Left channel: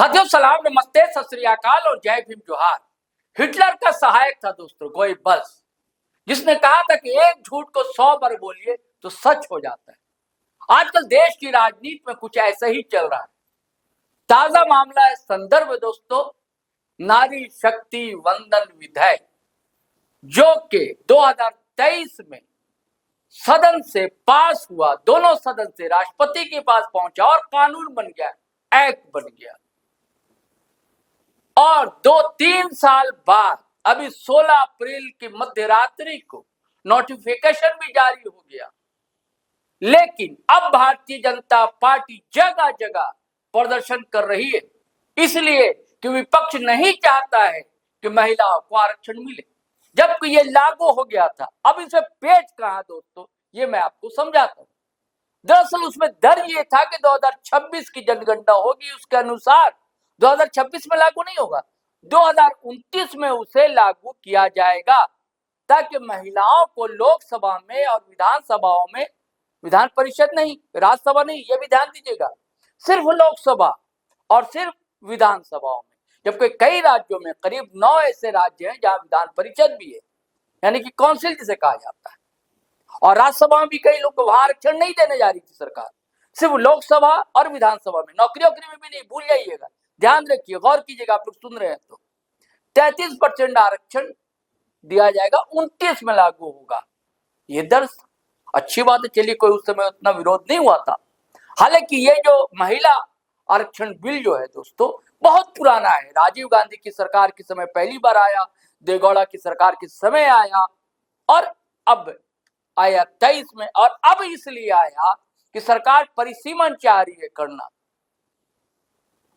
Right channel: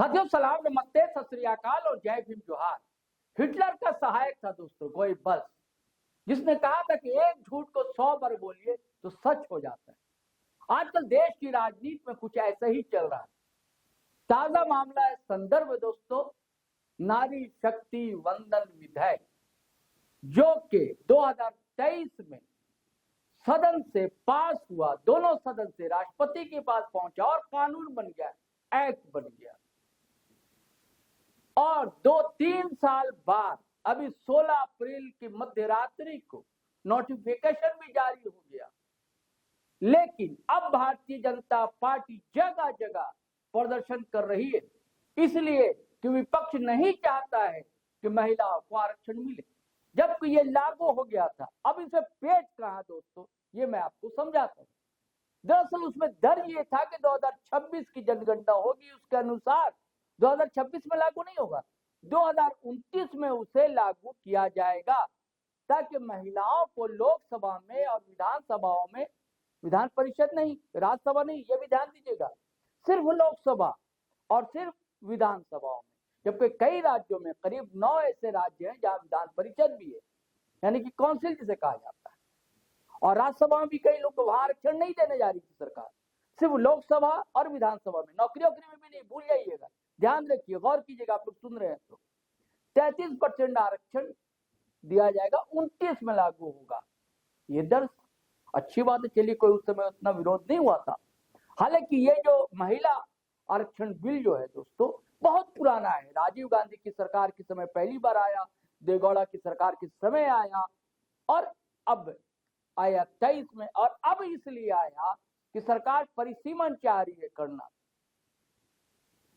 साथियों सलाम, नमस्ते, सत श्री अकाल और जय भीम जोहार। हिटलर का सहायक था दोस्तों गोइबल्स, जिसने कहा था कि एक झूठ को 100 बार बोलिए तो सच हो जाता है। आजकल देश की राजनीति में कुछ ऐसा ही चल रहा है। ताजा मामला है संदर्भ दोस्तों, नारी शक्ति वंदन विधेयक, जो कि 2023 में सदन से पास हुआ, दोनों सदन से राष्ट्रपति के पास पहुंचा और कानून बन गया, एक्ट बन गया। और 2-3 साल बाद अभी 16 अप्रैल की मध्यरात्रि को नोटिफिकेशन भी जारी हो गया। लेकिन अब भारतीय जनता पार्टी जगह जगह प्रदर्शन कर रही है, इसलिए कि विपक्ष नहीं चाहता है कि महिलाओं को आरक्षण मिले, जबकि ये लागू हो गया था। अब इसे पेच कहां दोस्तों, ये मैं आपको समझाता हूं। दरअसल उसमें डर ये था कि 2026 की जनगणना होगी, उसके अनुसार 2026 में लागू नहीं होगा, 2029 में उसे लागू किया जाएगा, ताकि महिलाओं को लोकसभा में और विधानसभाओं में, विधान परिषद नहीं, राज्यसभा नहीं, ये भी ध्यान दीजिएगा, सिर्फ लोकसभा और सिर्फ विधानसभाओं में। जबकि कई राज्यों में, करीब 9 ऐसे राज्य हैं जहां विधान परिषद भी है, यानी कि काउंसिल जिसे कहा जाता है, और राज्यसभा में भी कई लोग को वहां आरक्षण नहीं देने जा रही थी सरकार, सिर्फ लोकसभा और विधानसभा में। नौकरी में भी नहीं, भूल जाइएगा, ध्यान रखिए, गौर कीजिएगा, आप लोग सुन रहे हैं तो 33% आरक्षण दिया जाएगा, 29 में लागू होगा। ये दर्ज अच्छी बात है, चलिए कोई उस समय उतना विरोध नहीं हुआ था। हालांकि ये जो महिला आरक्षण बिल जो है दोस्तों बहुत पुराना है, राजीव गांधी की सरकार के समय पहली बार आया, देवेगौड़ा की सरकार के समय आया, और अब आया 23 में, और अब इसलिए आया कि सरकार परिसीमन चाह रही है करना,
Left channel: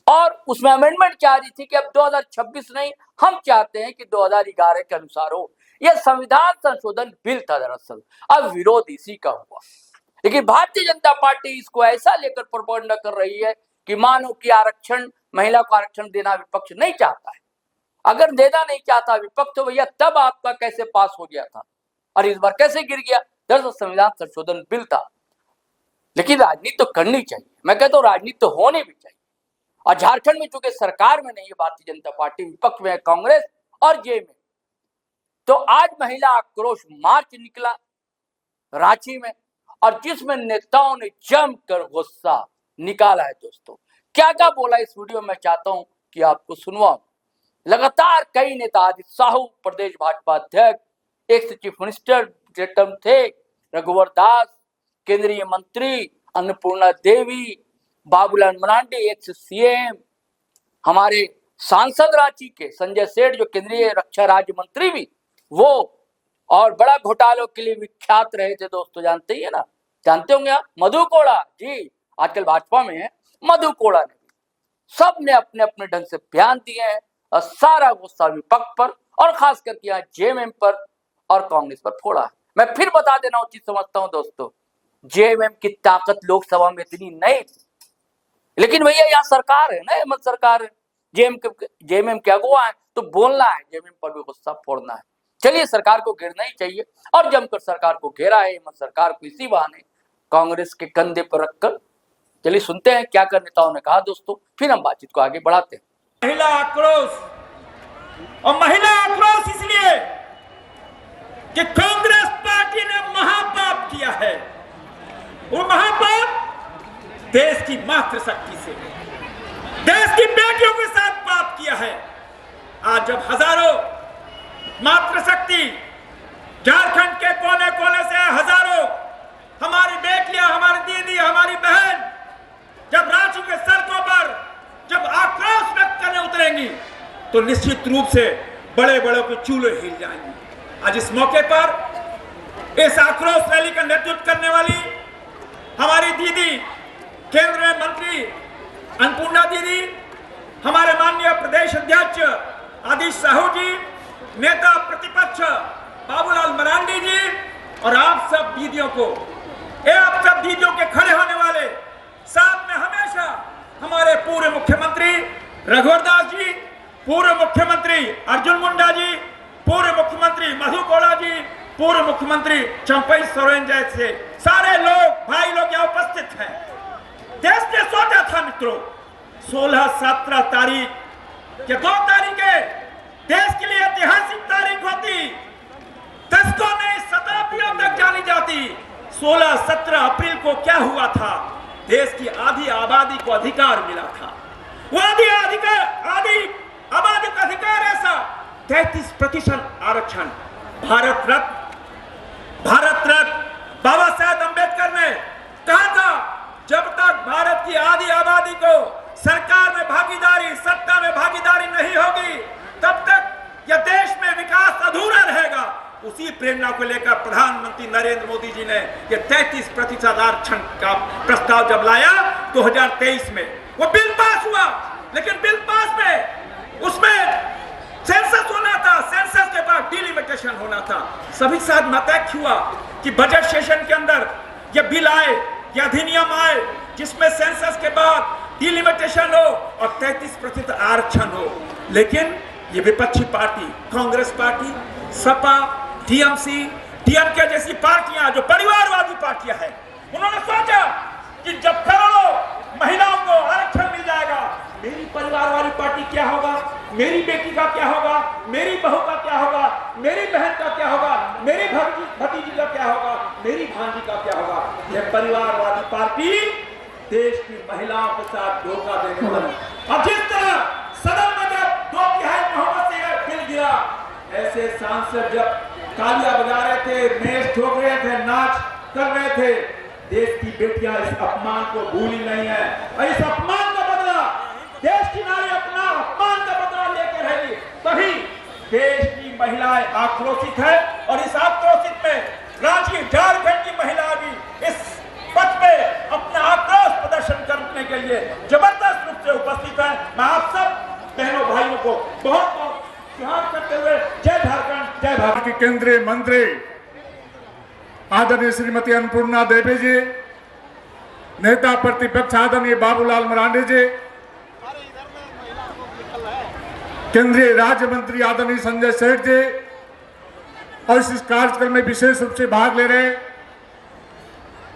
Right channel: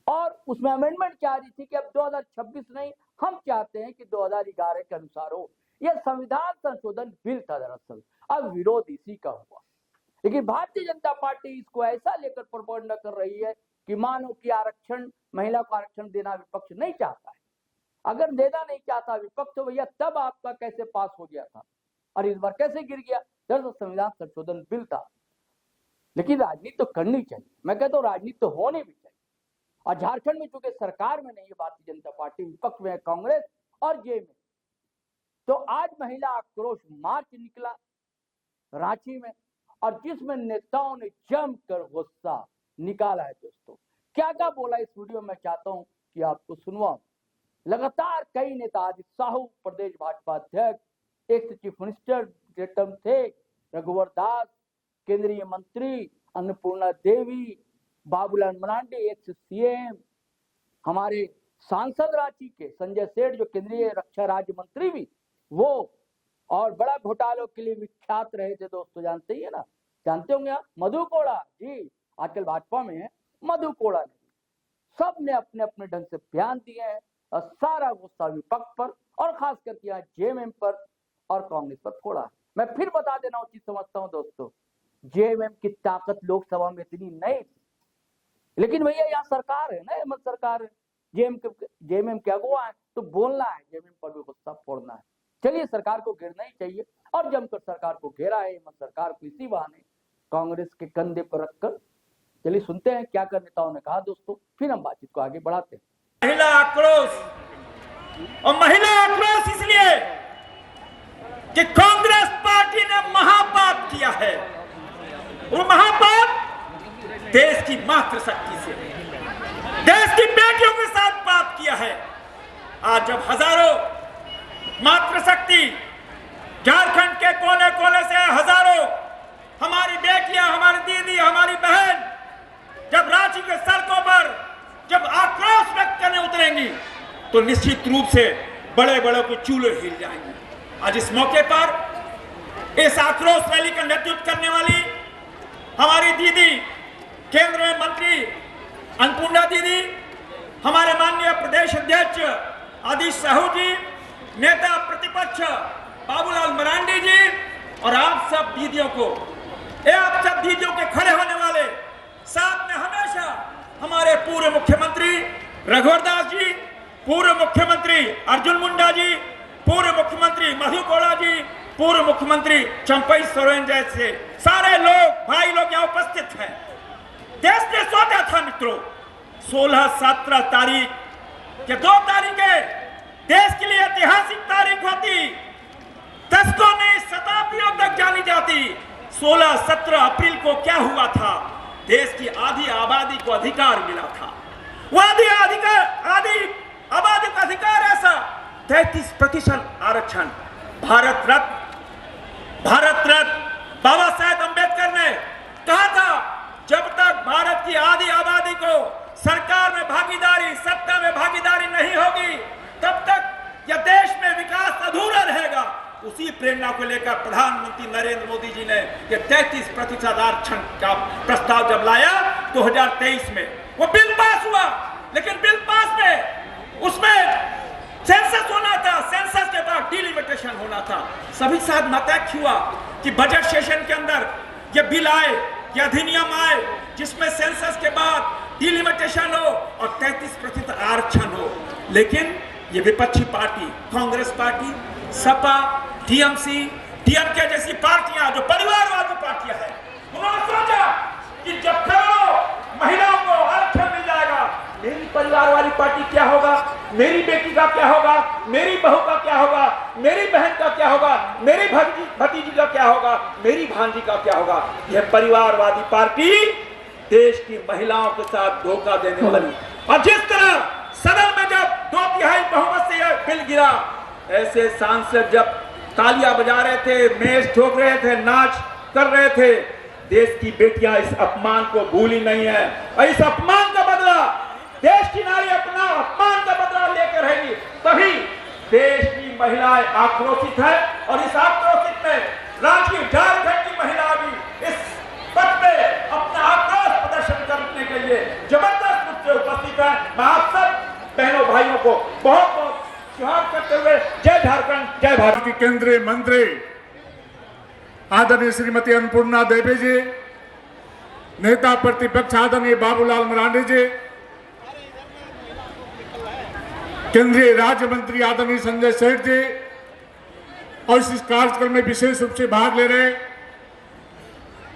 और उसमें अमेंडमेंट चाह रही थी कि अब 2026 नहीं, हम चाहते हैं कि 2011 के अनुसार हो। यह संविधान संशोधन बिल था दरअसल, अब विरोध इसी का हुआ। लेकिन भारतीय जनता पार्टी इसको ऐसा लेकर प्रोपेगेंडा कर रही है कि मानो कि आरक्षण, महिला को आरक्षण देना विपक्ष नहीं चाहता है। अगर देना नहीं चाहता विपक्ष तो भैया तब आपका कैसे पास हो गया था और इस बार कैसे गिर गया? दरअसल संविधान संशोधन बिल था। लेकिन राजनीति तो करनी चाहिए, मैं कहता हूँ राजनीति तो होनी भी चाहिए। और झारखंड में चूंकि सरकार में नहीं है भारतीय जनता पार्टी, विपक्ष में है कांग्रेस और जेएमएम, तो आज महिला आक्रोश मार्च निकला रांची में, और जिसमें नेताओं ने जमकर गुस्सा निकाला है दोस्तों। क्या क्या बोला इस वीडियो में चाहता हूं कि आपको सुनवाऊं। लगातार कई नेता, आदित्य साहू प्रदेश भाजपा अध्यक्ष, एक्स चीफ मिनिस्टर थे रघुवर दास, केंद्रीय मंत्री अन्नपूर्णा देवी, बाबूलाल मरांडी एक्स सीएम, हमारे सांसद रांची के संजय सेठ जो केंद्रीय रक्षा राज्य मंत्री भी वो, और बड़ा घोटालों के लिए विख्यात रहे थे दोस्तों, जानते ही है ना, जानते होंगे आप, मधु कोड़ा जी, आजकल भाजपा में है मधु कोड़ा ने, सब ने अपने अपने ढंग से बयान दिए हैं, और सारा गुस्सा विपक्ष पर और खास करके यहाँ जेएमएम पर और कांग्रेस पर फोड़ा है। मैं फिर बता देना उचित समझता हूं दोस्तों, जेएमएम की ताकत लोकसभा में इतनी नहीं थी, लेकिन भैया यहाँ सरकार है ना, हेमंत सरकार है, जेएमएम के अगुवा है, तो बोलना है, जेएमएम पर भी गुस्सा फोड़ना है। चलिए, सरकार को घेरना ही चाहिए, और जमकर सरकार को घेरा है हेमंत सरकार को इसी बहाने कांग्रेस के कंधे पर रखकर। चलिए सुनते हैं क्या कर नेताओं ने कहा दोस्तों, फिर हम बातचीत को आगे बढ़ाते हैं। महिला आक्रोश, और महिला आक्रोश इसलिए कि कांग्रेस पार्टी ने महापाप किया है। वो महापाप देश की मातृशक्ति से, देश की बेटियों के साथ पाप किया है। आज जब हजारों मातृशक्ति झारखंड के कोने कोने से हजारों हमारी बेटियां, हमारी दीदी, हमारी बहन जब रांची के सड़कों पर जब आक्रोश व्यक्त करने उतरेंगी, तो निश्चित रूप से बड़े बड़े के चूल्हे हिल जाएंगे। आज इस मौके पर इस आक्रोश रैली का नेतृत्व करने वाली हमारी दीदी, केंद्रीय मंत्री अन्नपूर्णा दीदी, हमारे माननीय प्रदेश अध्यक्ष आदित्य साहू जी, नेता प्रतिपक्ष बाबूलाल मरांडी जी, और आप सब दीदियों को, आप सब दीदियों के खड़े होने वाले, साथ में हमेशा हमारे पूर्व मुख्यमंत्री रघुवर दास जी, पूर्व मुख्यमंत्री अर्जुन मुंडा जी, पूर्व मुख्यमंत्री मधु कोड़ा जी, पूर्व मुख्यमंत्री चंपई सोरेन जैसे सारे लोग, भाई लोग यहाँ उपस्थित हैं। देश ने सोचा था मित्रों, 16-17 तारीख के 2 तारीखें देश के लिए ऐतिहासिक तारीख होती, दशकों में शताब्दियों तक जानी जाती। 16-17 अप्रैल को क्या हुआ था? देश की आधी आबादी को अधिकार मिला था। वो आधी आबादी का अधिकार ऐसा 33% आरक्षण। भारत रत्न बाबा साहेब अम्बेडकर ने कहा था, जब तक भारत की आधी आबादी को सरकार में भागीदारी, सत्ता में भागीदारी नहीं होगी, तब तक यह देश में विकास अधूरा रहेगा। उसी प्रेरणा को लेकर प्रधानमंत्री नरेंद्र मोदी जी ने यह 33% आरक्षण का प्रस्ताव जब लाया 2023 में, वो बिल पास हुआ। लेकिन बिल पास में उसमें सेंसस होना था, सेंसस के बाद डिलिमिटेशन होना था। सभी साथ मत हुआ कि बजट सेशन के अंदर यह बिल आए, यह अधिनियम आए, जिसमें सेंसस के बाद डिलिमिटेशन हो और 33% आरक्षण हो। लेकिन ये विपक्षी party, Congress party, Sapa, TMC, DMK जैसी पार्टियां जो परिवारवादी पार्टियां हैं, उन्होंने सोचा कि जब करो महिलाओं को आरक्षण मिल जाएगा, मेरी परिवार वाली पार्टी क्या होगा, मेरी बेटी का क्या होगा, मेरी बहू का क्या होगा, मेरी बहन का क्या होगा, मेरी भतीजी का क्या होगा, मेरी भांजी का क्या होगा। यह परिवारवादी पार्टी देश की महिलाओं के साथ धोखा देने वाली। और जिस तरह सदन में जब 2/3 बहुमत से यह बिल गिरा, ऐसे सांसद जब तालियां बजा रहे थे, मेज ठोक रहे थे, नाच कर रहे थे, देश की बेटियां इस अपमान को भूली नहीं है। और इस अपमान का बदला देश की नारी अपना अपमान का बदला लेकर रहेगी। तभी देश की महिलाएं आक्रोशित है और इस आक्रोशित में राज्य झारखंड की महिला भी इस पथ पे अपना आक्रोश प्रदर्शन करने के लिए जबरदस्त रूप से उपस्थित है। मैं आप सब बहनों भाइयों को बहुत बहुत जोहार करते हुए जय झारखंड, जय भारत। की केंद्रीय मंत्री आदरणीय श्रीमती अन्नपूर्णा देवी जी, नेता प्रतिपक्ष आदरणीय बाबूलाल मरांडी जी, केंद्रीय राज्य मंत्री आदरणीय संजय सेठ जी, और इस कार्यक्रम में विशेष रूप से भाग ले रहे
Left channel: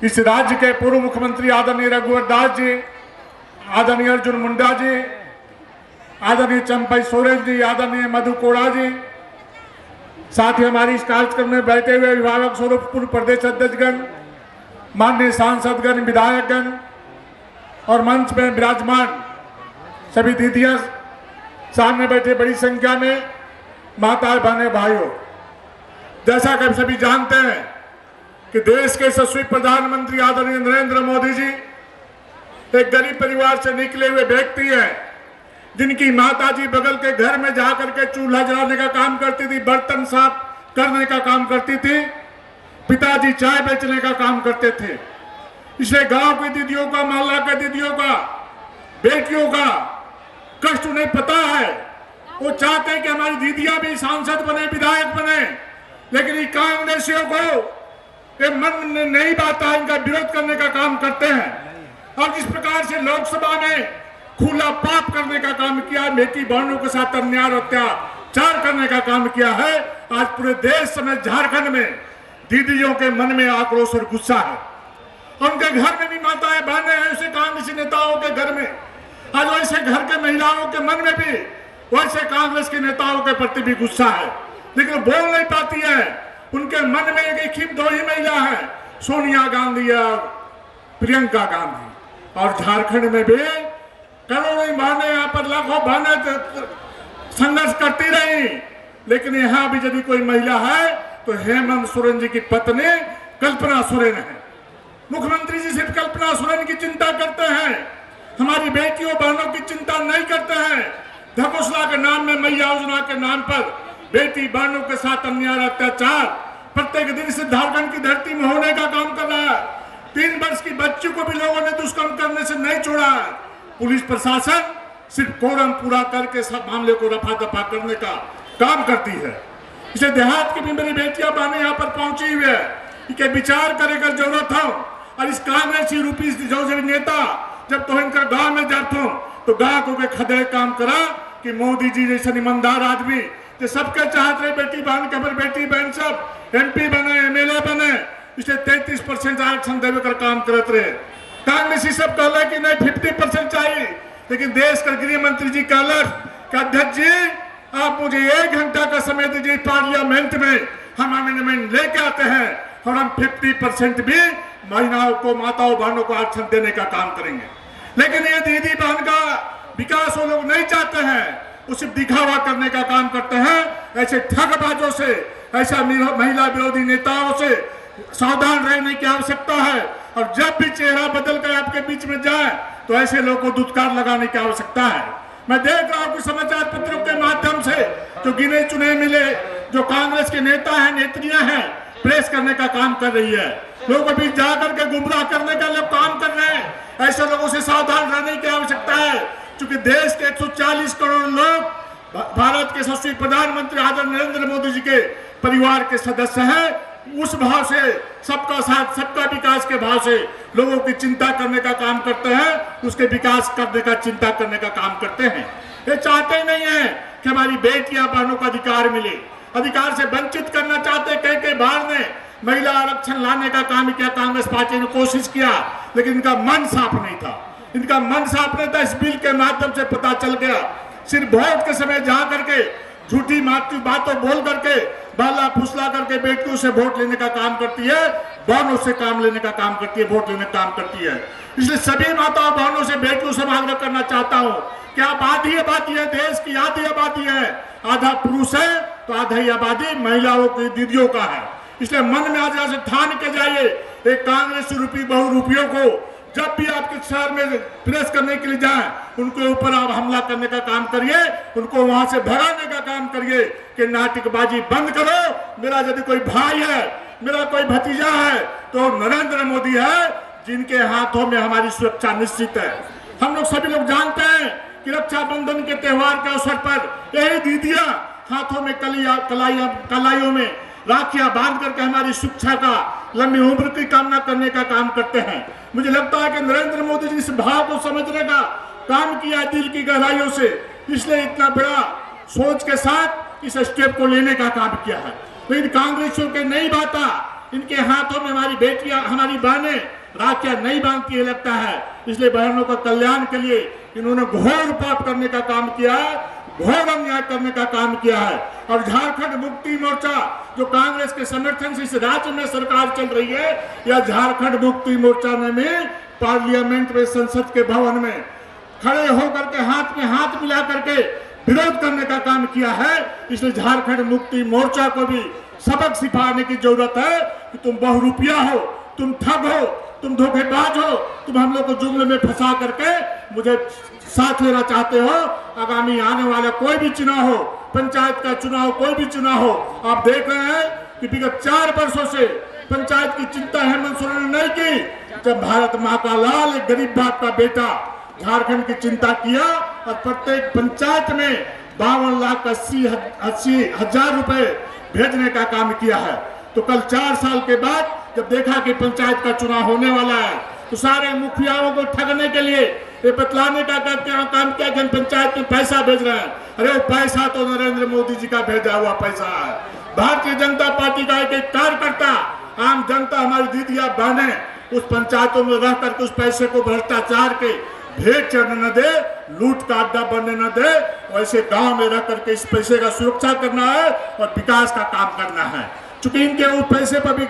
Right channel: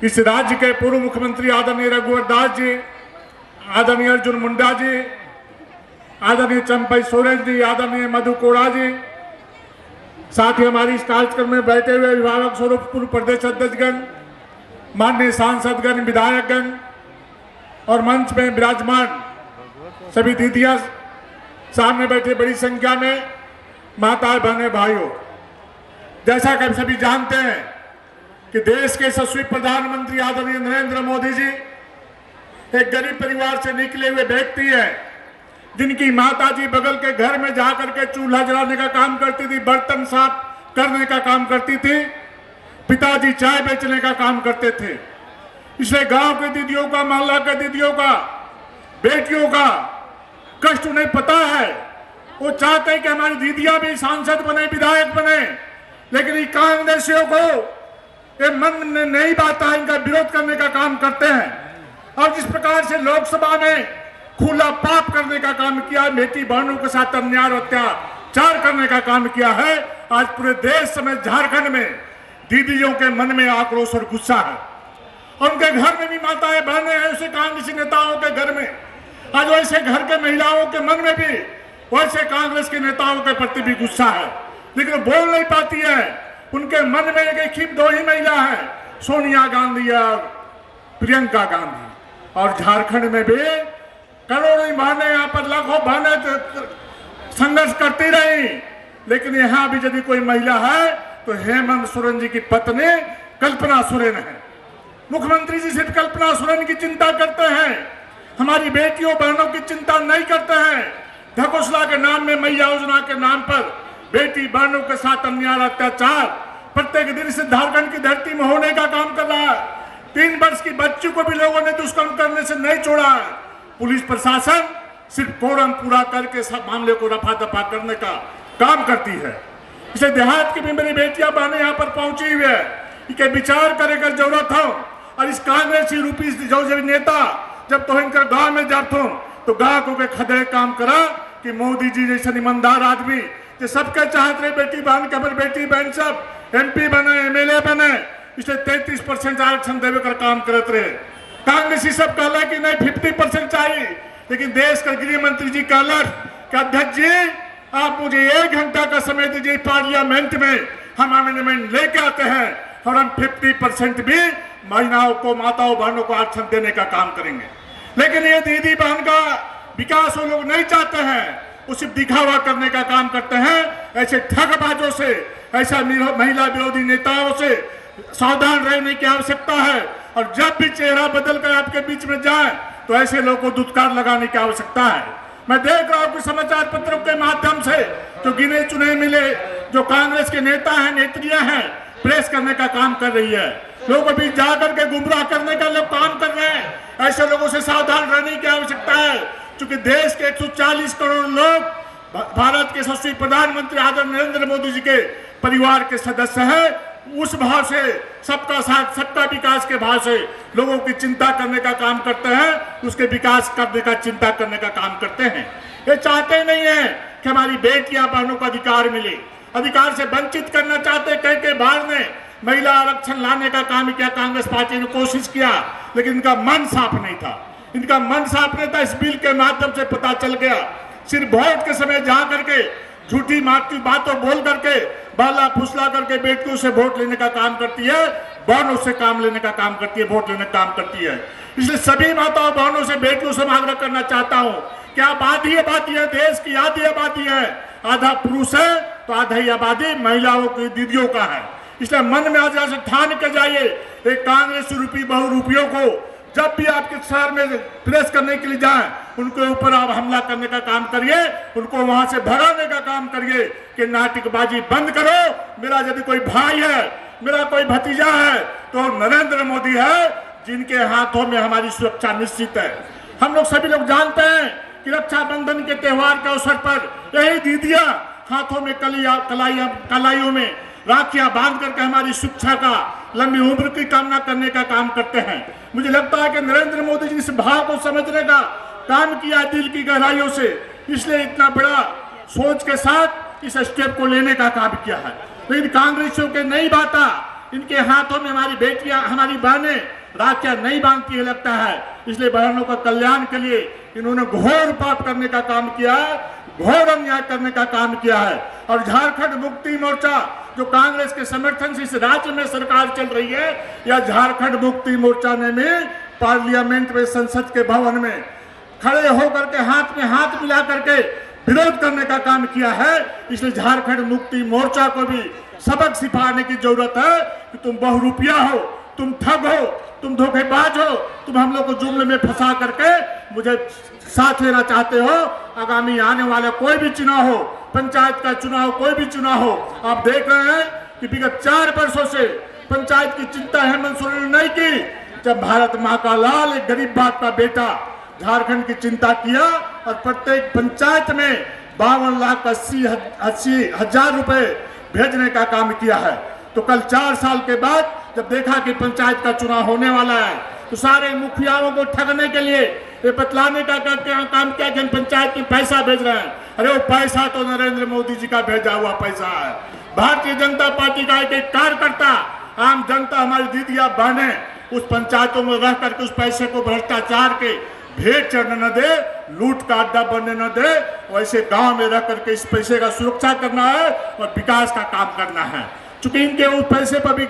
इस राज्य के पूर्व मुख्यमंत्री आदरणीय रघुवर दास जी, आदरणीय अर्जुन मुंडा जी, आदरणीय चंपई सोरेन जी, आदरणीय मधु कोड़ा जी, साथ ही हमारी इस कार्यक्रम में बैठे हुए अभिभावक स्वरूप पूर्व प्रदेश अध्यक्षगण, माननीय सांसदगण, विधायकगण और मंच में विराजमान सभी दीदियां, सामने बैठे बड़ी संख्या में माता बहने भाइयों, जैसा कि हम सभी जानते हैं कि देश के यशस्वी प्रधानमंत्री आदरणीय नरेंद्र मोदी जी एक गरीब परिवार से निकले हुए व्यक्ति हैं, जिनकी माता जी बगल के घर में जाकर के चूल्हा जलाने का काम करती थी, बर्तन साफ करने का काम करती थी, पिताजी चाय बेचने का काम करते थे। इसलिए गांव की दीदियों का, मोहल्ला के दीदियों का, बेटियों का कष्ट उन्हें पता है। वो चाहते हैं कि हमारी दीदियां भी सांसद बने, विधायक बने, लेकिन ये कांग्रेसियों को ये मन में नहीं बात है, इनका विरोध करने का काम करते हैं। और जिस प्रकार से लोकसभा में खुला पाप करने का काम किया, बेटी बहनों के साथ अन्याय और अत्याचार करने का काम किया है, आज पूरे देश समेत झारखंड में दीदियों के मन में आक्रोश और गुस्सा है। और उनके घर में भी माताएं बहनें हैं, ऐसे कांग्रेसी नेताओं के घर में आज वैसे घर के महिलाओं के मन में भी वैसे कांग्रेस के नेताओं के प्रति भी गुस्सा है, लेकिन बोल नहीं पाती है। उनके मन में एक ही 2 ही महिला है, सोनिया गांधी और प्रियंका गांधी। और झारखंड में भी करोड़ों बहनें, यहाँ पर लाखों बहनें संघर्ष करती रही, लेकिन यहाँ भी यदि कोई महिला है तो हेमंत सोरेन जी की पत्नी कल्पना सोरेन है। मुख्यमंत्री जी सिर्फ कल्पना सोरेन की चिंता करते हैं, हमारी बेटियों बहनों की चिंता नहीं करते हैं। धकोसला के नाम में, मैया योजना के नाम पर बेटी बहनों के साथ अन्याय अत्याचार प्रत्येक दिन से झारखंड की धरती में होने का काम कर रहा है। 3 वर्ष की बच्ची को भी लोगों ने दुष्कर्म करने से नहीं छोड़ा है। पुलिस प्रशासन सिर्फ कोरम पूरा करके सब मामले को रफा दफा करने का काम करती है। इसे देहात की भी मेरी बेटियां बहनें यहाँ पर पहुंची हुई है कि विचार करेगा जरूरत हो। और इस कांग्रेसी रूपी जो नेता जब तो इनका गांव में जाते हो तो गांव को के खदे काम करा कि मोदी जी जैसे ईमानदार आदमी जो सबके चाहते रहे बेटी बहन के, हमारी बेटी बहन सब MP बने, MLA बने, इसे 33% आरक्षण देवे कर काम करते रहे। कांग्रेसी सब कहला कि नहीं 50% चाहिए, लेकिन देश का गृह मंत्री जी कहलन कि अध्यक्ष जी आप मुझे 1 घंटा का समय दीजिए, पार्लियामेंट में हम अमेंडमेंट लेके आते हैं और हम 50% भी महिलाओं को, माताओं बहनों को आरक्षण देने का काम करेंगे। लेकिन ये दीदी बहन का विकास वो लोग नहीं चाहते हैं, वो सिर्फ दिखावा करने का काम करते हैं। ऐसे ठगबाजों से, ऐसा महिला विरोधी नेताओं से सावधान रहने की आवश्यकता है। और जब भी चेहरा बदल कर आपके बीच में जाए तो ऐसे लोगों को दुत्कार लगाने की आवश्यकता है। मैं देख रहा हूं कि समाचार पत्रों के माध्यम से जो गिने चुने मिले जो कांग्रेस के नेता हैं, नेत्रियां हैं, प्रेस करने का काम कर रही है। लोग अभी जाकर के गुमराह करने का लोग काम कर रहे हैं। ऐसे लोगों से सावधान रहने की आवश्यकता है, क्योंकि देश के 140 करोड़ लोग भारत के यशस्वी प्रधानमंत्री आदरणीय नरेंद्र मोदी जी के परिवार के सदस्य हैं। उस भाव से, सबका साथ सबका विकास के भाव से लोगों की चिंता करने का काम करते हैं, उसके विकास करने का, चिंता करने का काम करते हैं। ये चाहते नहीं है कि हमारी बेटियां बहनों को अधिकार मिले, अधिकार से वंचित करना चाहते। कई बार ने महिला आरक्षण लाने का काम किया, कांग्रेस पार्टी ने कोशिश किया, लेकिन इनका मन साफ नहीं था। इनका मन साफ नहीं था, इस बिल के माध्यम से पता चल गया। सिर्फ वोट के समय जा करके झूठी माटी बातों बोल करके, बाला फुसला करके बेटियों से वोट लेने का काम करती है, बहनों से काम लेने का काम करती है, वोट लेने का काम करती है। इसलिए सभी माताओं बहनों से, बेटियों से आग्रह करना चाहता हूँ कि आबादी है, देश की आधी आबादी है, आधा पुरुष है तो आधा ही आबादी महिलाओं की, दीदियों का है। इसलिए मन में आज से ठान के जाइए, एक कांग्रेस रूपी बहुरूपियों को जब भी आपके शहर में प्रेस करने के लिए जाएं, उनके ऊपर आप हमला करने का काम करिए, उनको वहां से भगाने का काम करिए कि नाटकबाजी बंद करो। मेरा यदि कोई भाई है, मेरा कोई भतीजा है तो नरेंद्र मोदी है, जिनके हाथों में हमारी सुरक्षा निश्चित है। हम लोग सभी लोग जानते हैं कि रक्षाबंधन के त्योहार के अवसर पर यही दीदियां हाथों में कलाइयों में राखियां बांध करके हमारी शिक्षा का, लंबी उम्र की कामना करने का काम करते हैं। मुझे लगता है कि नरेंद्र मोदी जी इस भाव को समझने का काम किया दिल की गहराइयों से, इसलिए इतना बड़ा सोच के साथ इस स्टेप को लेने का काम किया है। लेकिन कांग्रेसियों के नहीं बाता, इनके हाथों में हमारी बेटियां, हमारी बहनें राखियां नहीं बांधती है लगता है। इसलिए बहनों का कल्याण के लिए इन्होंने घोर पाप करने का काम किया है, घोर अन्याय करने का काम किया है। और झारखंड मुक्ति मोर्चा जो कांग्रेस के समर्थन से इस राज्य में सरकार चल रही है, या झारखंड मुक्ति मोर्चा ने भी पार्लियामेंट में, संसद के भवन में खड़े होकर के हाथ में हाथ मिला करके विरोध करने का काम किया है। इसलिए झारखंड मुक्ति मोर्चा को भी सबक सिखाने की जरूरत है कि तुम बहुरूपिया हो, तुम ठग हो, तुम धोखेबाज हो, तुम हम लोग को जुमले में फंसा करके मुझे साथ लेना चाहते हो। आगामी आने वाला कोई भी चुनाव हो, पंचायत का चुनाव, कोई भी चुनाव हो, आप देख रहे हैं कि विगत 4 वर्षों से पंचायत की चिंता हेमंत सोरेन ने नहीं की। जब भारत माँ का लाल, एक गरीब बाप का बेटा झारखंड की चिंता किया और प्रत्येक पंचायत में 52,80,000 रुपए भेजने का काम किया है। तो कल 4 साल के बाद जब देखा कि पंचायत का चुनाव होने वाला है, तो सारे मुखियाओं को ठगने के लिए ये बतलाने का काम किया कि हम पंचायत में पैसा भेज रहे हैं। अरे वो पैसा तो नरेंद्र मोदी जी का भेजा हुआ पैसा है। भारतीय जनता पार्टी का एक कार्यकर्ता, आम जनता, हमारी दीदियां बहने उस पंचायतों में रह करके उस पैसे को भ्रष्टाचार के भेंट चढ़ने न दे, लूट का अड्डा बनने न दे। वैसे गांव में रह करके इस पैसे का सुरक्षा करना है और विकास का काम करना है। चूंकि इनके उस पैसे पर भी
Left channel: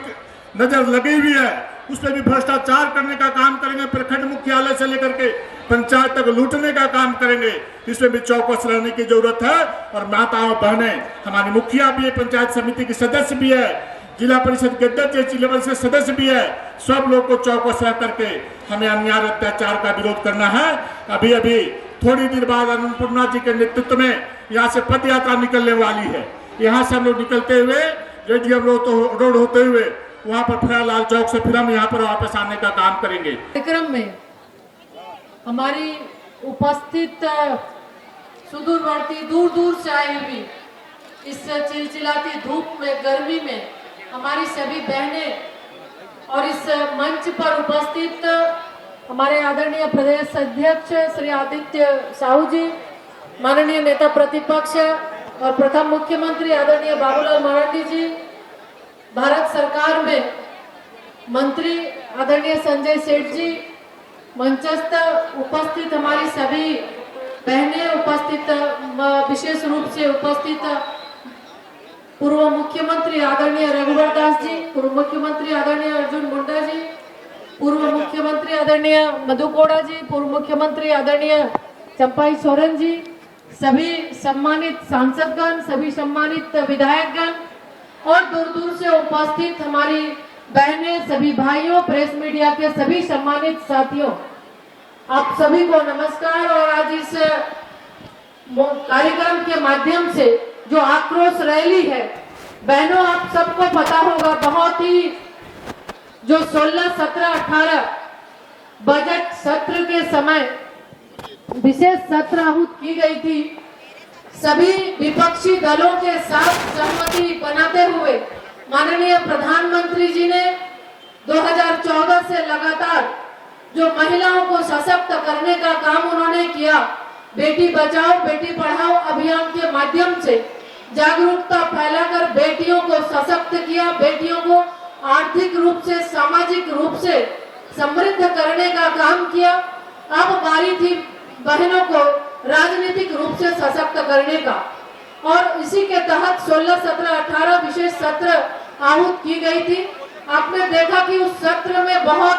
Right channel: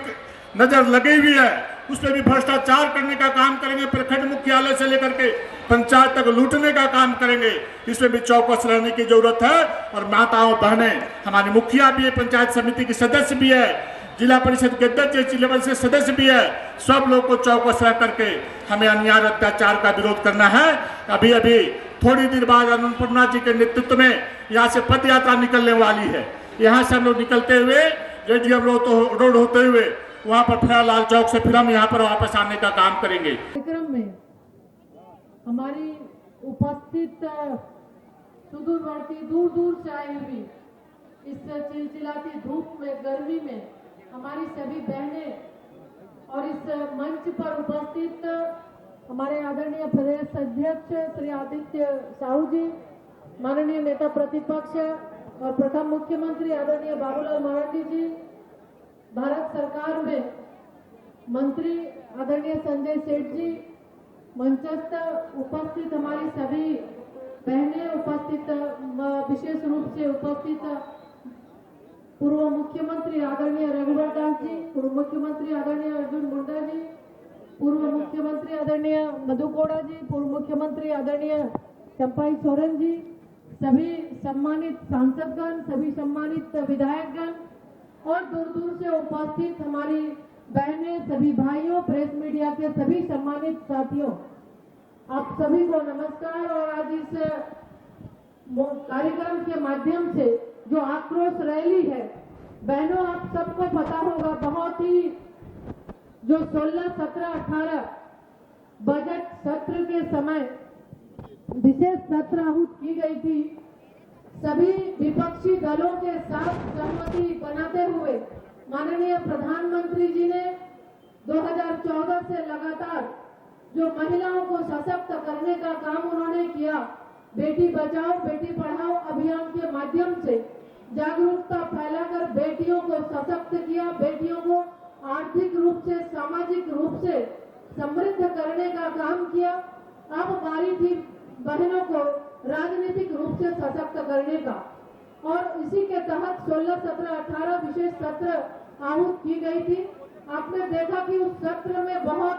नजर लगी हुई है, उस पर भी भ्रष्टाचार करने का काम करेंगे, प्रखंड मुख्यालय से लेकर के पंचायत तक लूटने का काम करेंगे। इसमें भी चौकस रहने की जरूरत है। और माताओं बहनें, हमारी मुखिया भी है, पंचायत समिति की सदस्य भी है, जिला परिषद के अध्यक्ष लेवल से सदस्य भी है। सब लोग को चौकस रह करके हमें अन्याय अत्याचार का विरोध करना है। अभी थोड़ी देर बाद अन्नपूर्णा जी के नेतृत्व में यहाँ से पद यात्रा निकलने वाली है। यहाँ से हम लोग निकलते हुए रेडियम रोड होते हुए वहाँ पर फिर लाल चौक से फिर हम यहाँ पर वापस आने का काम करेंगे। कार्यक्रम में हमारी उपस्थित सुदूरवर्ती, दूर दूर से आई हुई इस चिलचिलाती धूप में, गर्मी में हमारी सभी बहनें और इस मंच पर उपस्थित हमारे आदरणीय प्रदेश अध्यक्ष श्री आदित्य साहू जी, माननीय नेता प्रतिपक्ष और प्रथम मुख्यमंत्री आदरणीय बाबूलाल मरांडी जी, भारत सरकार में मंत्री आदरणीय संजय सेठ जी, मंचस्थ उपस्थित हमारी सभी बहनें, उपस्थित विशेष रूप से उपस्थित पूर्व मुख्यमंत्री आदरणीय रघुवर दास जी, पूर्व मुख्यमंत्री आदरणीय अर्जुन मुंडा जी, पूर्व मुख्यमंत्री आदरणीय मधु कोड़ा जी, पूर्व मुख्यमंत्री आदरणीय चंपाई सोरेन जी, सभी सम्मानित सांसदगण, सभी सम्मानित विधायकगण और दूर दूर से उपस्थित हमारी बहनें, सभी भाइयों, प्रेस मीडिया के सभी सम्मानित साथियों, आप सभी को नमस्कार। और आज इस कार्यक्रम के माध्यम से जो आक्रोश रैली है, बहनों आप सबको पता होगा, बहुत ही जो 16, 17, 18 बजट सत्र के समय विशेष सत्र आहूत की गई थी, सभी विपक्षी दलों के साथ सहमति बनाते हुए माननीय प्रधानमंत्री जी ने 2014 से लगातार जो महिलाओं को सशक्त करने का काम उन्होंने किया, बेटी बचाओ बेटी पढ़ाओ अभियान के माध्यम से जागरूकता फैलाकर बेटियों को सशक्त किया, बेटियों को आर्थिक रूप से, सामाजिक रूप से समृद्ध करने का काम किया। अब बारी थी बहनों को राजनीतिक रूप से सशक्त करने का, और इसी के तहत 16, 17, 18 विशेष सत्र आहूत की गई थी। आपने देखा कि उस सत्र में बहुत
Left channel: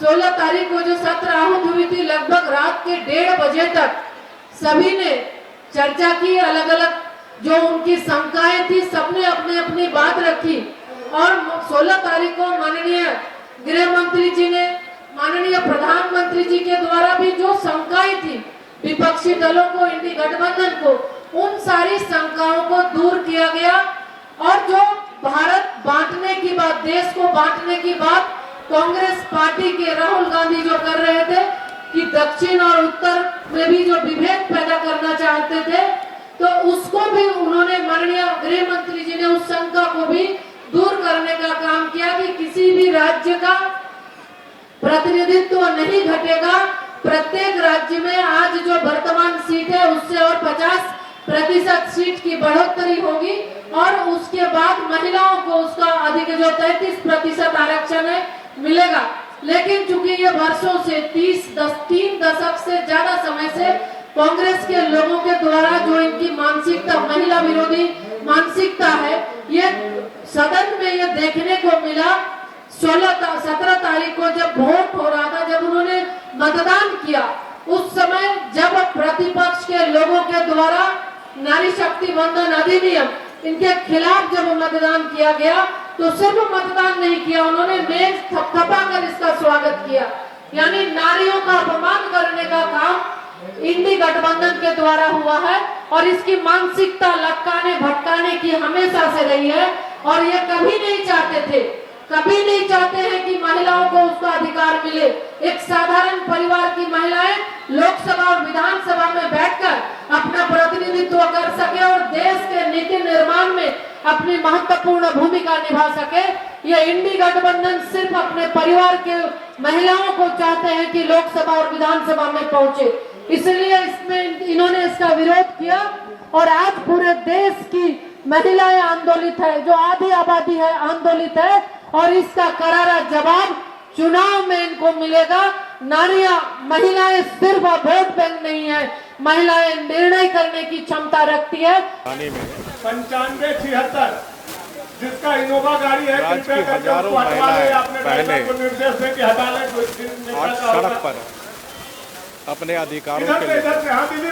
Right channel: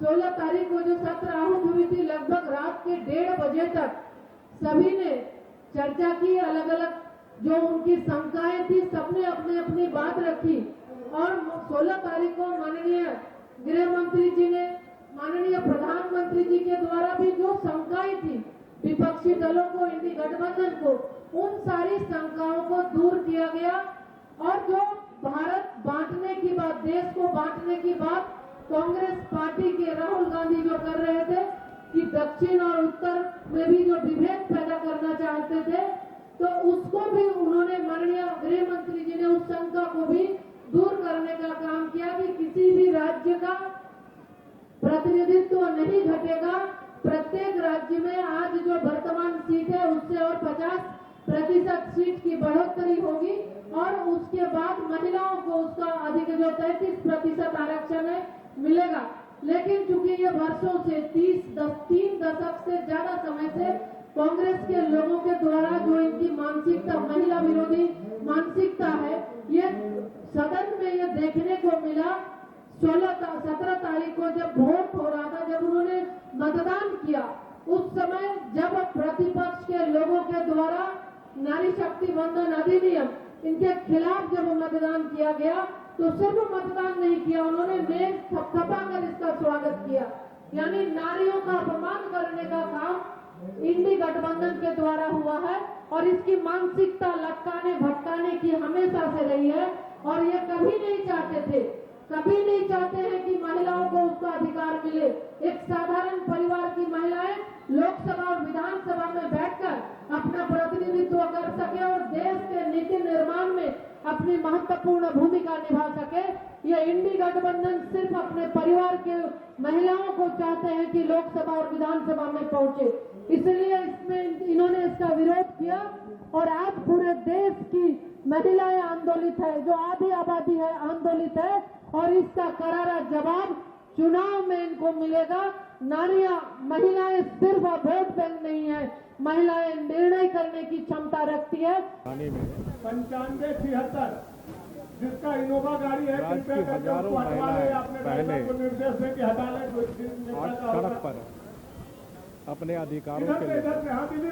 16 तारीख को जो सत्र आहूत हुई थी, लगभग रात के 1:30 बजे तक सभी ने चर्चा की, अलग अलग जो उनकी शंकाएं थी सबने अपनी अपनी बात रखी। और 16 तारीख को माननीय गृह मंत्री जी ने, माननीय प्रधानमंत्री जी के द्वारा भी जो शंकाएं थी विपक्षी दलों को, इंडी गठबंधन को, उन सारी शंकाओं को दूर किया गया। और जो भारत बांटने की बात, देश को बांटने की बात कांग्रेस पार्टी के राहुल गांधी जो कर रहे थे कि दक्षिण और उत्तर में भी जो विभेद पैदा करना चाहते थे, तो उसको भी उन्होंने, माननीय गृह मंत्री जी ने उस शंका को भी दूर करने का काम किया कि किसी भी राज्य का प्रतिनिधित्व नहीं घटेगा। प्रत्येक राज्य में आज जो वर्तमान सीट है उससे और 50% सीट की बढ़ोतरी होगी, और उसके बाद महिलाओं को उसका अधिक जो 33% आरक्षण है मिलेगा। लेकिन चूंकि ये वर्षों से 3 दशक से ज्यादा समय से कांग्रेस के लोगों के द्वारा जो इनकी मानसिकता, महिला विरोधी मानसिकता है, ये सदन में ये देखने को मिला। 17 तारीख को जब वोट हो रहा था, जब उन्होंने मतदान किया, उस समय जब प्रतिपक्ष के लोगों के द्वारा नारी शक्ति वंदन अधिनियम इनके खिलाफ जब मतदान किया गया, तो सिर्फ मतदान नहीं किया, उन्होंने मेज थपथपाकर इसका स्वागत किया। यानी नारियों का अपमान करने का काम इंडी गठबंधन के द्वारा हुआ है, और इसकी मानसिकता लटकाने भटकाने की हमेशा से रही है। और ये कभी नहीं चाहते थे, कभी नहीं चाहते हैं कि महिलाओं को उसका अधिकार मिले। एक साधारण परिवार की महिलाएं लोकसभा और विधानसभा में बैठकर अपना प्रतिनिधित्व कर सके और देश के नीति निर्माण में अपनी महत्वपूर्ण भूमिका निभा सके। ये इंडी गठबंधन सिर्फ अपने परिवार के महिलाओं को चाहते हैं कि लोकसभा और विधानसभा में पहुंचे, इसलिए इसमें इन्होंने इसका विरोध किया। और आज पूरे देश की महिलाएं आंदोलित है, जो आधी आबादी है आंदोलित है, और इसका करारा जवाब चुनाव में इनको मिलेगा। नारियां, महिलाएं सिर्फ वोट बैंक नहीं है, महिलाएं निर्णय करने की क्षमता रखती है। 9576 जिसका इनोवा गाड़ी है, राज्य की हजारों महिलाएं बहनें निर्देश दें कि हटा लें। आज सड़क पर अपने अधिकारों के लिए,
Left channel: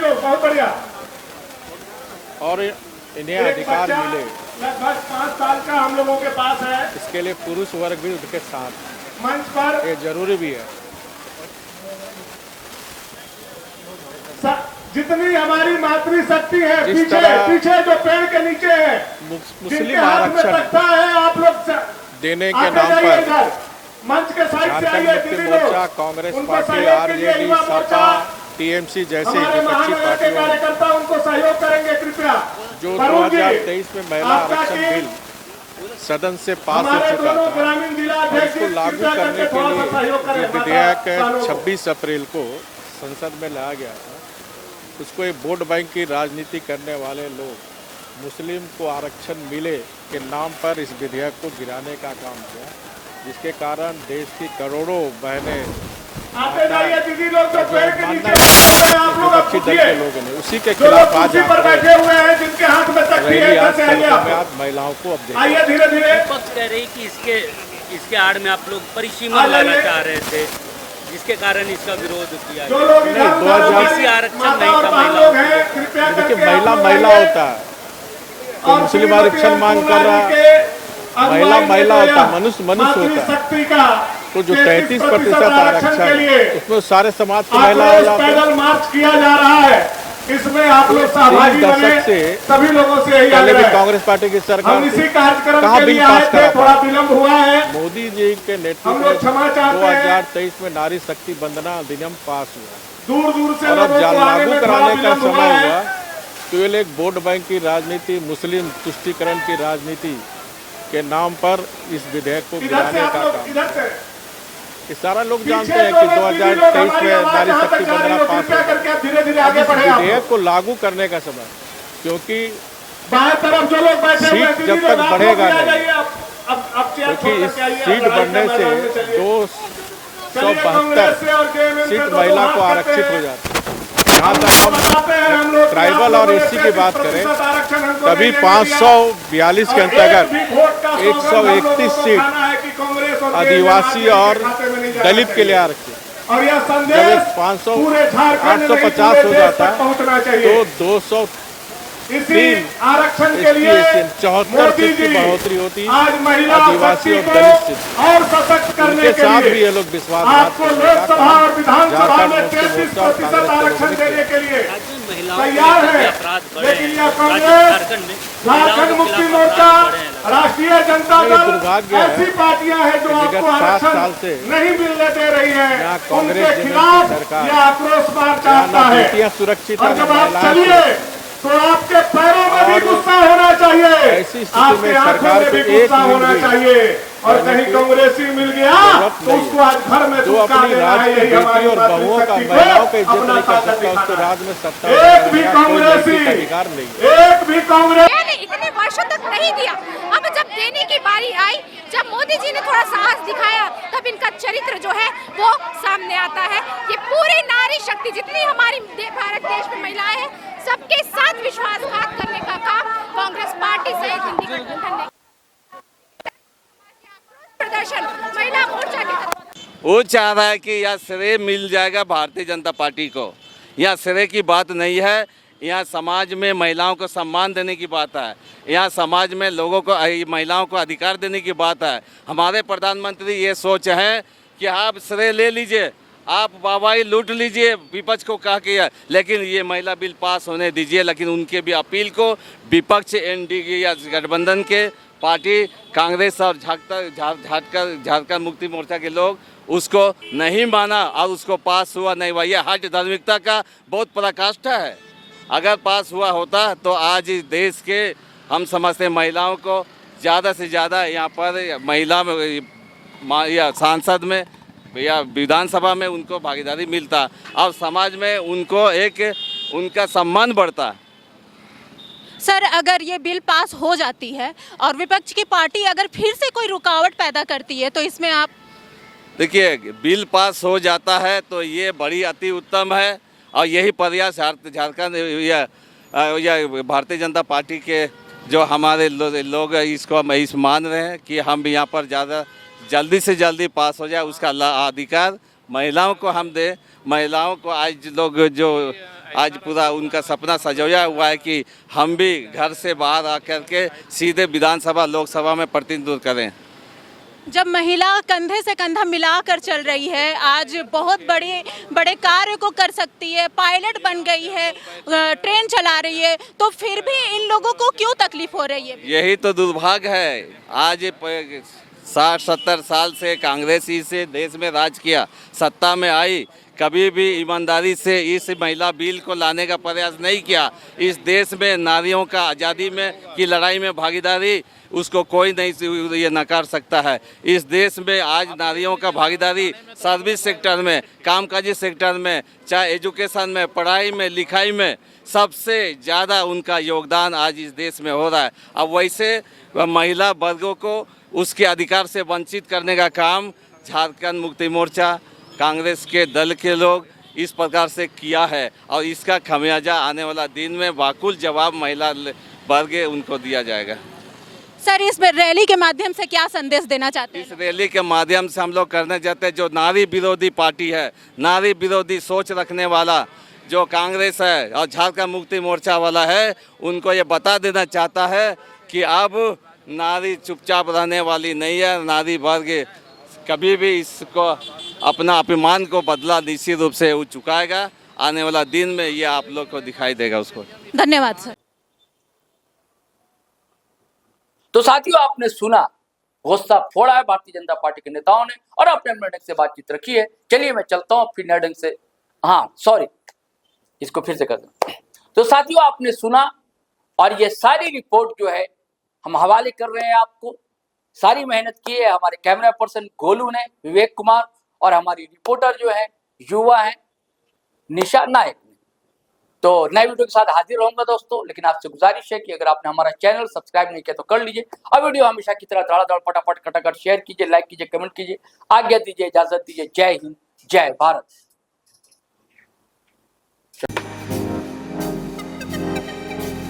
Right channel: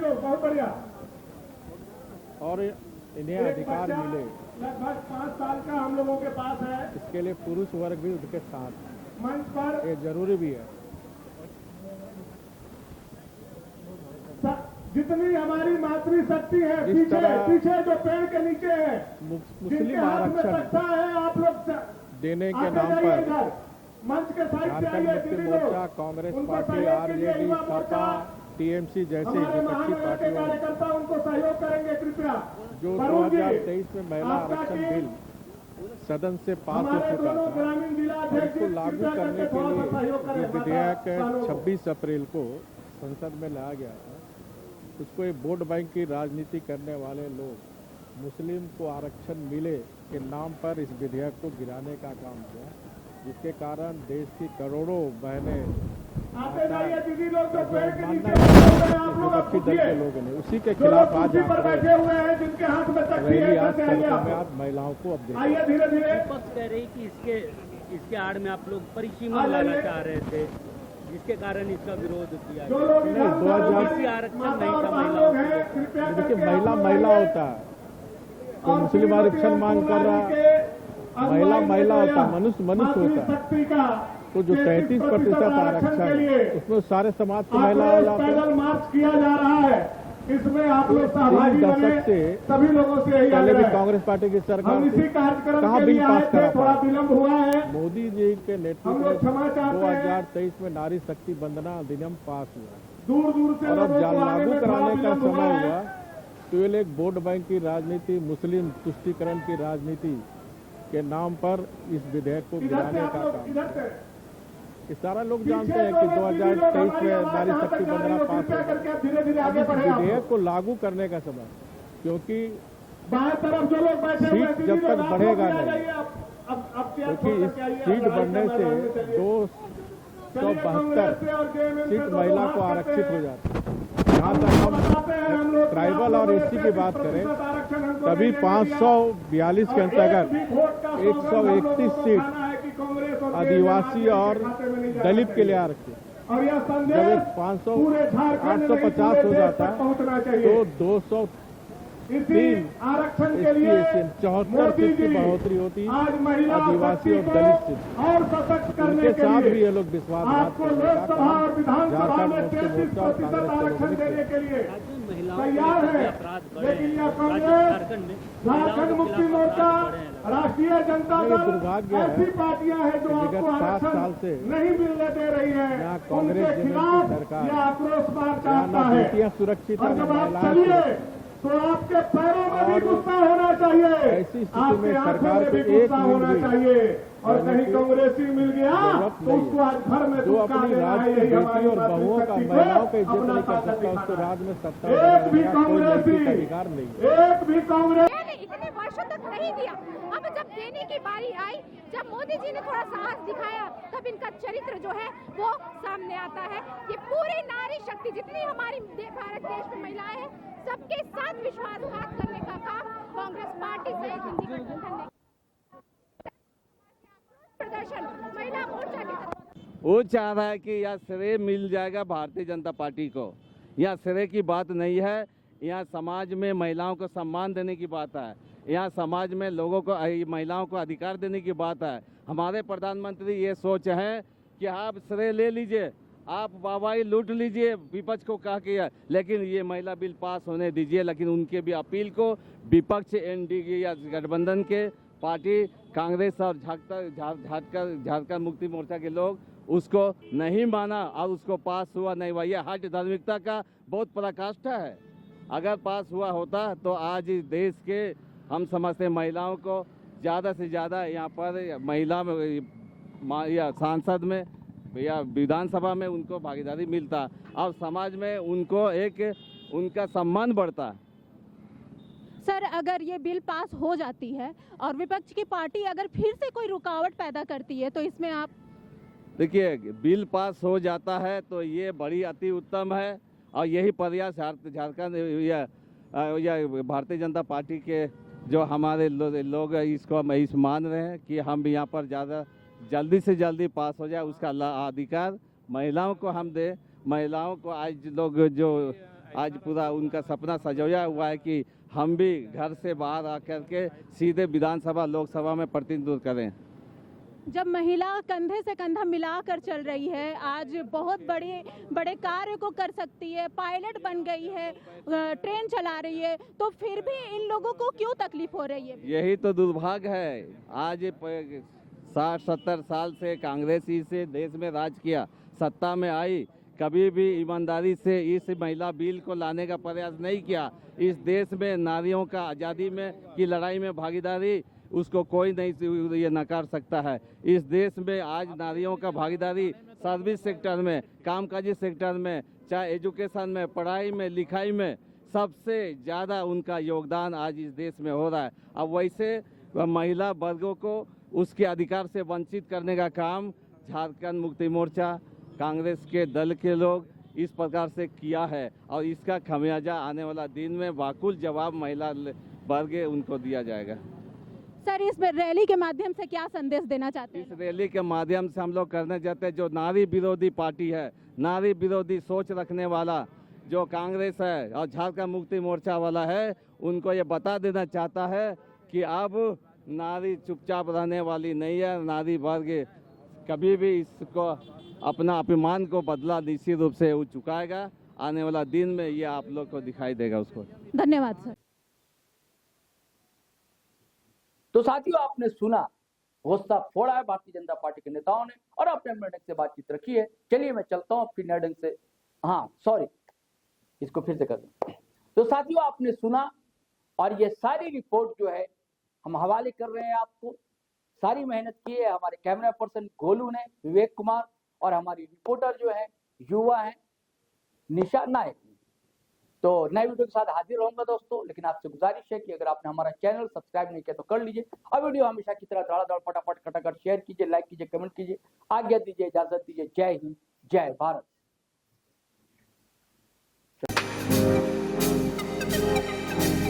बहुत बढ़िया, और इन्हें अधिकार मिले, लगभग 5 साल का हम लोगों के पास है। इसके लिए पुरुष वर्ग भी उनके साथ मंच पर ये जरूरी भी है। जितनी हमारी मातृशक्ति है, जिस पीछे तरह पीछे जो पेड़ के नीचे है, मुस्लिम आरक्षण है, आप लोग देने के नाम पर मंच के साइड से झारखंड आइए। मुक्ति दीदी मोर्चा, लोग, कांग्रेस उनको पार्टी, सहयोग के लिए आरजेडी, युवा सपा, मोर्चा, टीएमसी जैसी हमारे विपक्षी महानगर के पार्टियों कार्यकर्ता उनको सहयोग करेंगे कृपया। जो करूंगी। 2023 में महिला आपका आरक्षण टीम बिल सदन से पास हो हमारे चुका दोनों था, ग्रामीण जिला और अध्यक्ष इसको लागू कृपया करने करके के थोड़ा सा सहयोग लिए करें। जो विधेयक माता 26 अप्रैल को संसद में लाया गया था, उसको एक वोट बैंक की राजनीति करने वाले लोग मुस्लिम को आरक्षण मिले के नाम पर इस विधेयक को गिराने का काम किया, जिसके कारण देश की करोड़ों बहनें आते जाइए दीदी लोग जो पेड़ के नीचे मानना बैठे हुए हैं, आप लोग आप विपक्षी दल पूछिए। के लोगों ने उसी के जो लोग खिलाफ आज कुर्सी पर बैठे हुए हैं, जिनके हाथ में तख्ती है, रैली इधर आज से आइए सड़कों आप। में आज महिलाओं को अब देखिए। आइए धीरे धीरे। विपक्ष कह रही कि इसके आड़ में आप लोग परिसीमा आ लाना जाइए। चाह रहे थे, जिसके कारण इसका विरोध किया जो गया। लोग नहीं, इधर 2000 किसी आरक्षण माता नहीं और था बहन महिलाओं लोग हैं, कृपया देखिए करके आप महिला लोग महिला आइए। होता है, तो और मुस्लिम श्रीमती आरक्षण मांग कर अन्नपूर्णा रहा जी है। के महिला अगुवाई महिला में होता है, तो मनुष्य मनुष्य होता है। मातृशक्ति का तो जो 33% आरक्षण के लिए है, उसमें सारे समाज की महिला हो आक्रोश जाते हैं। पैदल मार्च किया जा रहा है। इसमें आप लोग सहभागी 3 बने। दशक से सभी लोगों से यही पहले भी आग्रह है। कांग्रेस पार्टी की सरकार हम इसी थी, कार्यक्रम कहाँ के बिल लिए पास आए थे, करा थोड़ा पाए? विलम्ब हुआ है। मोदी जी के नेतृत्व हम लोग में क्षमा चाहते हैं। 2023 में नारी शक्ति वंदना अधिनियम पास हुआ दूर दूर से और अब लोगों को आने लागू में थोड़ा कराने का विलम्ब हुआ समय है। हुआ। केवल एक वोट बैंक की राजनीति, मुस्लिम तुष्टीकरण की राजनीति के नाम पर इस विधेयक को इधर से गिराने आप का लोग, काम। इधर से ये सारा लोग पीछे जानते हैं जो कि लोग 2023 हमारी में आवाज नारी जहाँ शक्ति तक जा रही वंदना हो, पास कृपया हुआ। करके आप धीरे धीरे अब आगे इस बढ़े आप विधेयक लोग। को लागू करने का समय, क्योंकि बाएं तरफ जो लोग बैठे हुए हैं, सीट दीदी जब लोग, तक आप लोग बढ़ेगा भी आ नहीं। जाइए। अब चेयर छोड़ क्योंकि इस करके आइए, सीट लड़ाई के बढ़ने से मैदान में चलिए। 272 से और JMM सीट से दोनों महिला को हाथ आरक्षित करते हो हैं। जाती है। जहाँ तक बताते हैं हम हम लोग कि ट्राइबल आप और लोगों ने एससी की बात 33% करें, आरक्षण हमको तभी नहीं देने दिया। 542 के और एक अंतर्गत भी वोट का सौगंध हम लोगों 131 को सीट खाना है कि कांग्रेस और आदिवासी JMM और के खाते में नहीं जाना दलित के चाहिए। लिए आरक्षित। और यह जब संदेश ये 500 पूरे झारखंड में नहीं, 850 पूरे हो देश जाता तक पहुंचना चाहिए। तो 200 इसी आरक्षण के लिए ST 74 मोदी सीट की जी बढ़ोतरी होती, आज महिला आदिवासी शक्ति और को दलित सीट। और सशक्त करने उनके के साथ भी लिए ये लोग विश्वासघात आपको करने का लोकसभा काम और विधानसभा झारखंड में मुक्ति 33% मोर्चा और कांग्रेस के आरक्षण लोगों ने देने के लिए राज्य में महिलाओं तैयार के है। अपराध बढ़े लेकिन हैं। यह राज्य कांग्रेस, झारखंड में महिलाओं झारखंड के मुक्ति खिलाफ मोर्चा, अपराध बढ़े हैं। राष्ट्रीय जनता नहीं, ये दल दुर्भाग्य है ऐसी पार्टियां हैं जो कि विगत आपको 7 आरक्षण साल से नहीं मिलने दे रही यहाँ है। कांग्रेस उनके जनता खिलाफ की सरकार, यह आक्रोश मार्च यहाँ आता ना है। बेटियां सुरक्षित और है, जब ना आप महिलाएं चलिए सुरक्षित। तो आपके पैरों में भी और गुस्सा होना चाहिए, ऐसी स्थिति आपके में आंखों सरकार में भी को एक गुस्सा मिनट होना भी चाहिए। और रहने कहीं की कांग्रेसी मिल गया जरूरत तो नहीं उसको आज घर में जो दुबका अपनी देना है। राज की यही हमारी बेटी और बहुओं का, मातृशक्ति को महिलाओं का इज्जत अपना नहीं कर ताकत सकता, उसको दिखाना है। राज में सत्ता एक भी देने का कोई कांग्रेसी, नैतिक अधिकार नहीं। एक भी कांग्रेस मैंने इतने वर्षों तक नहीं दिया। अब जब देने की बारी आई, जब मोदी जी ने थोड़ा साहस दिखाया, तब इनका चरित्र जो है वो सामने आता है। ये पूरी नारी शक्ति जितनी हमारी भारत देश में महिलाएं हैं, सबके साथ विश्वासघात करने का काम कांग्रेस पार्टी सहित इंडी गठबंधन ने प्रदर्शन महिला मोर्चा के वो चाह रहा है कि यह श्रेय मिल जाएगा भारतीय जनता पार्टी को। यह श्रेय की बात नहीं है, यहाँ समाज में महिलाओं को सम्मान देने की बात है, यहाँ समाज में लोगों को, महिलाओं को अधिकार देने की बात है। हमारे प्रधानमंत्री ये सोच है कि आप श्रेय ले लीजिए, आप वाहवाही लूट लीजिए, विपक्ष को कहा कि लेकिन ये महिला बिल पास होने दीजिए। लेकिन उनके भी अपील को विपक्ष एनडीए या गठबंधन के पार्टी कांग्रेस और झारखंड मुक्ति मोर्चा के लोग उसको नहीं माना और उसको पास हुआ नहीं हुआ। यह हट धार्मिकता का बहुत पराकाष्ठा है। अगर पास हुआ होता तो आज इस देश के हम समझते हैं महिलाओं को ज़्यादा से ज़्यादा यहाँ पर महिला में या सांसद में या विधानसभा में उनको भागीदारी मिलता और समाज में उनको एक उनका सम्मान बढ़ता। सर, अगर ये बिल पास हो जाती है और विपक्ष की पार्टी अगर फिर से कोई रुकावट पैदा करती है तो इसमें आप देखिए, बिल पास हो जाता है तो ये बड़ी अति उत्तम है और यही प्रयास झारखंड या भारतीय जनता पार्टी के जो हमारे लोग इसको इस मान रहे हैं कि हम यहाँ पर ज़्यादा जल्दी से जल्दी पास हो जाए, उसका अधिकार महिलाओं को हम दें। महिलाओं को आज लोग जो आज पूरा उनका सपना सजोया हुआ है कि हम भी घर से बाहर आकर के सीधे विधानसभा लोकसभा में प्रतिनिधित्व करें। जब महिला कंधे से कंधा मिलाकर चल रही है, आज बहुत बड़े बड़े कार्य को कर सकती है, पायलट बन गई है, ट्रेन चला रही है, तो फिर भी इन लोगों को क्यों तकलीफ हो रही है? यही तो दुर्भाग्य है। आज 60-70 साल से कांग्रेस ही से देश में राज किया, सत्ता में आई, कभी भी ईमानदारी से इस महिला बिल को लाने का प्रयास नहीं किया। इस देश में नारियों का आज़ादी में की लड़ाई में भागीदारी उसको कोई नहीं ये नकार सकता है। इस देश में आज नारियों का भागीदारी सर्विस सेक्टर में, कामकाजी सेक्टर में, चाहे एजुकेशन में, पढ़ाई में, लिखाई में, सबसे ज़्यादा उनका योगदान आज इस देश में हो रहा है। अब वैसे महिला वर्गों को उसके अधिकार से वंचित करने का काम झारखंड मुक्ति मोर्चा कांग्रेस के दल के लोग इस प्रकार से किया है और इसका खमियाजा आने वाला दिन में वाकुल जवाब महिला वर्ग उनको दिया जाएगा। सर, इस रैली के माध्यम से क्या संदेश देना चाहते इस हैं? रैली के माध्यम से हम लोग करना चाहते हैं, जो नारी विरोधी पार्टी है, नारी विरोधी सोच रखने वाला जो कांग्रेस है और झारखंड मुक्ति मोर्चा वाला है, उनको ये बता देना चाहता है कि अब नारी चुपचाप रहने वाली नहीं है। नारी वर्ग कभी भी इसको अपना अपमान को बदला निश्चित रूप से वो चुकाएगा। आने वाला दिन में ये आप लोग को दिखाई देगा उसको। धन्यवाद सर। तो साथियों, आपने सुना, गुस्सा फोड़ा है भारतीय जनता पार्टी के नेताओं ने और अपने अपने ढंग से बातचीत रखी है। चलिए मैं चलता हूं फिर नए ढंग से। हाँ सॉरी, इसको फिर से कर दूं। तो साथियों, आपने सुना और ये सारी रिपोर्ट जो है हम हवाले कर रहे हैं आपको। सारी मेहनत की है हमारे कैमरा पर्सन गोलू ने, विवेक कुमार, और हमारी रिपोर्टर जो है युवा है निशा नायक ने। तो नए वीडियो के साथ हाजिर रहूंगा दोस्तों, लेकिन आपसे गुजारिश है कि अगर आपने हमारा चैनल सब्सक्राइब नहीं किया तो कर लीजिए और वीडियो हमेशा की तरह धड़ाधड़ फटाफट खटाखट शेयर कीजिए, लाइक कीजिए, कमेंट कीजिए। आज्ञा दीजिए, इजाजत दीजिए। जय हिंद, जय भारत।